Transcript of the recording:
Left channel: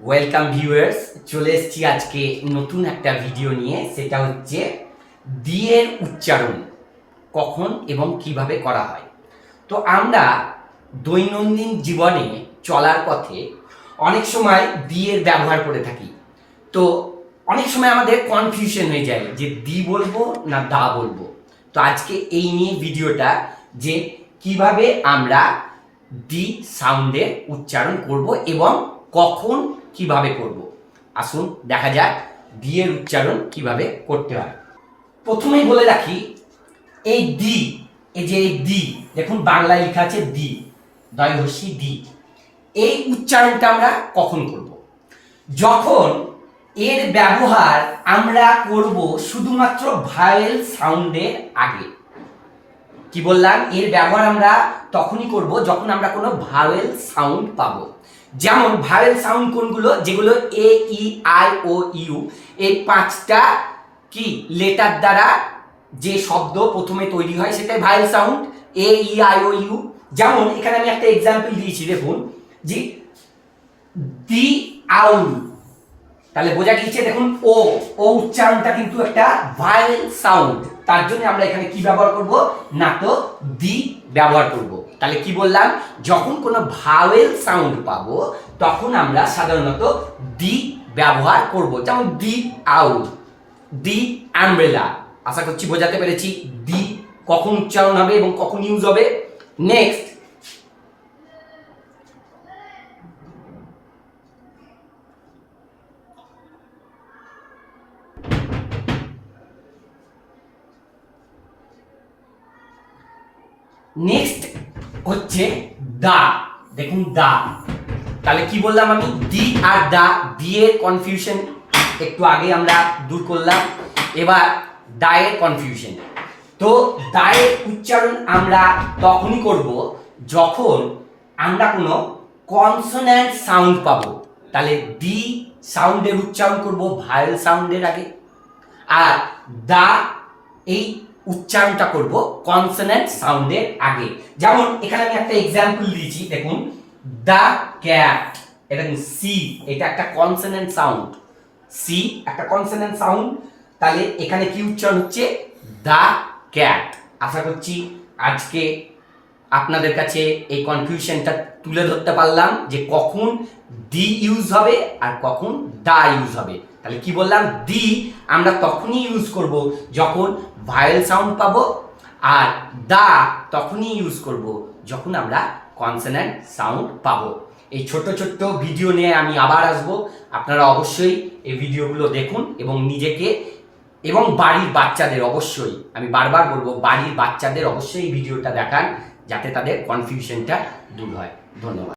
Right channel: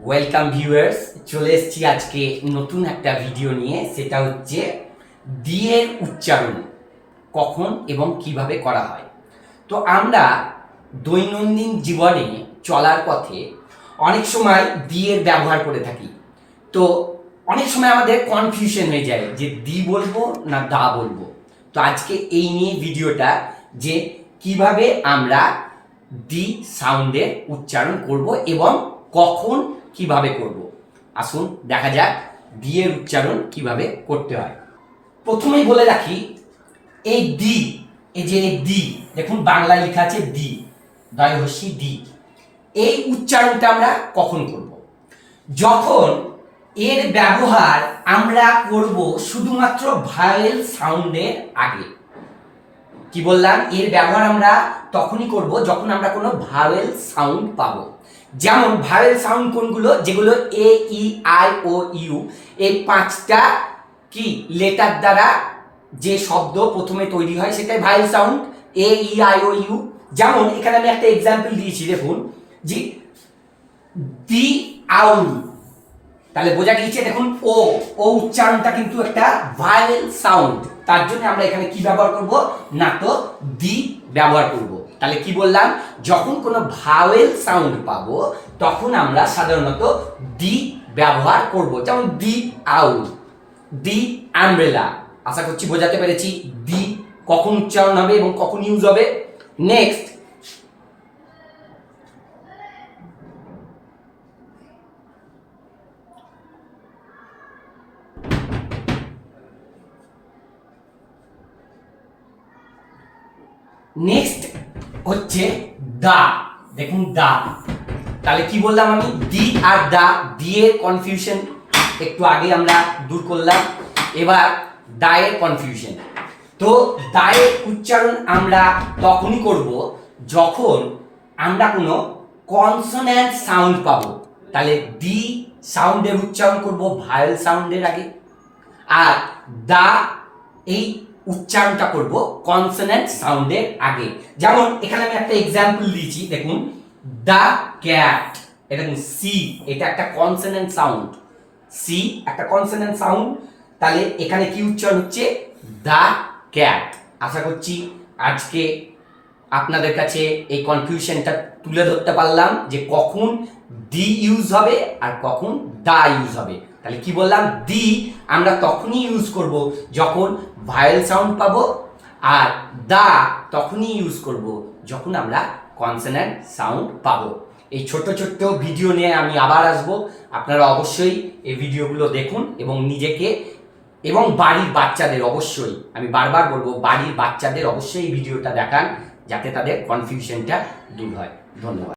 Welcome viewers, চলে এসেছি আজকে নতুন একটা ভিডিও নিয়ে। সেটা হচ্ছে দি এর উচ্চারণ কখন এবং কিভাবে করা হয়। তো আমরা দৈনন্দিন জীবনে চলার পথে অনেক সময় দি এর ব্যবহার করে থাকি। তো অনেক সময় আমাদের কনফিউশন হয়ে যায় যে দি বলবো না দা বলবো। তো আজকে এই নিয়ে ভিডিওটা, যে কিভাবে আমরা দি সাউন্ডের উচ্চারণ করব এবং কখন কিভাবে করব। আসুন দেখা যাক দি এর উচ্চারণ কিভাবে করতে হয়। প্রথমেই বলে রাখি, এই দি, এই যে দি, দেখুন বাংলায় লেখা আছে দি, দয়হস্যি দি। এই উচ্চারণটা আমরা কখন করব? যখন এর ব্যবহার আমরা করব শুধুমাত্র ভাওয়েল সাউন্ডের আগে। কি বললাম? এর ব্যবহার আমরা তখনই করব যখন আমরা কোনো ভাওয়েল সাউন্ড পাবো। যেমন ভাওয়েল সাউন্ড কোনগুলো? যেগুলো এ ই আই ও ইউ, এই পাঁচটা কি লেটার দ্বারা যে শব্দ প্রথমে তৈরি হয় সেটাই vowel sound, A E I O U. যেমন এখানে আমি একটা এক্সাম্পল দিয়েছি, দেখুন যে দি আউল, তাহলে বোঝা গিয়েছে। দেখুন ও ও উচ্চারণটা কিন্তু একটা ভাওয়েল সাউন্ড, তার জন্য আমরা এখানে কি ব্যবহার করব না, তো দি ব্যবহার করব। তাহলে কি বললাম? যখন কোনো ভাওয়েল সাউন্ড পাবো তখন আমরা সাধারণত দি ব্যবহার করব। যেমন দি আউল, দি আমব্রেলা। আশা করছি বোঝাতে পেরেছি দি কখন উচ্চারণ হবে এবং কখন ইউজ হবে। নেক্সট, নেক্সট হচ্ছে দা। দেখুন দা, তাহলে কি বললাম আমি? দি আর দা, দি এর কনফিউশন একটু আগে আমরা দূর করলাম। এবার দা এর কনফিউশন। তো দা এর উচ্চারণ আমরা তখনই করব যখন আমরা কোনো কনসোন্যান্ট সাউন্ড পাবো। তাহলে দি সাউন্ডের উচ্চারণ করব ভাওয়েল সাউন্ডের আগে, আর দা এই উচ্চারণটা করব কনসোন্যান্ট সাউন্ডের আগে। যেমন এখানে আমি একটা এক্সাম্পল দিয়েছি, দেখুন দা ক্যাট, এটা সি, এটা একটা কনসোন্যান্ট সাউন্ড, সি একটা কনসোন্যান্ট সাউন্ড। তাহলে এখানে কি উচ্চারণ হচ্ছে? দা ক্যাট। আশা করছি আজকে আপনাদের কাছে এই কনফিউশনটা তুলে ধরতে পারলাম যে কখন দি ইউজ হবে আর কখন দা ইউজ হবে। তাহলে কি বললাম? দি আমরা তখনই ইউজ করব যখন ভাওয়েল সাউন্ড পাবো, আর দা তখনই ইউজ করব যখন আমরা কনসোন্যান্ট সাউন্ড পাবো। এই ছোট্ট ছোট্ট ভিডিও নিয়ে আমি আবার আসবো। আপনারা অবশ্যই এই ভিডিওগুলো দেখুন এবং নিজেকে এবং বাড়ির বাচ্চাদের, অবশ্যই আমি বারবার বলবো, বাড়ির বাচ্চাদের অবশ্যই এই ভিডিওটা দেখান যাতে তাদের কনফিউশনটা দূর হয়। ধন্যবাদ।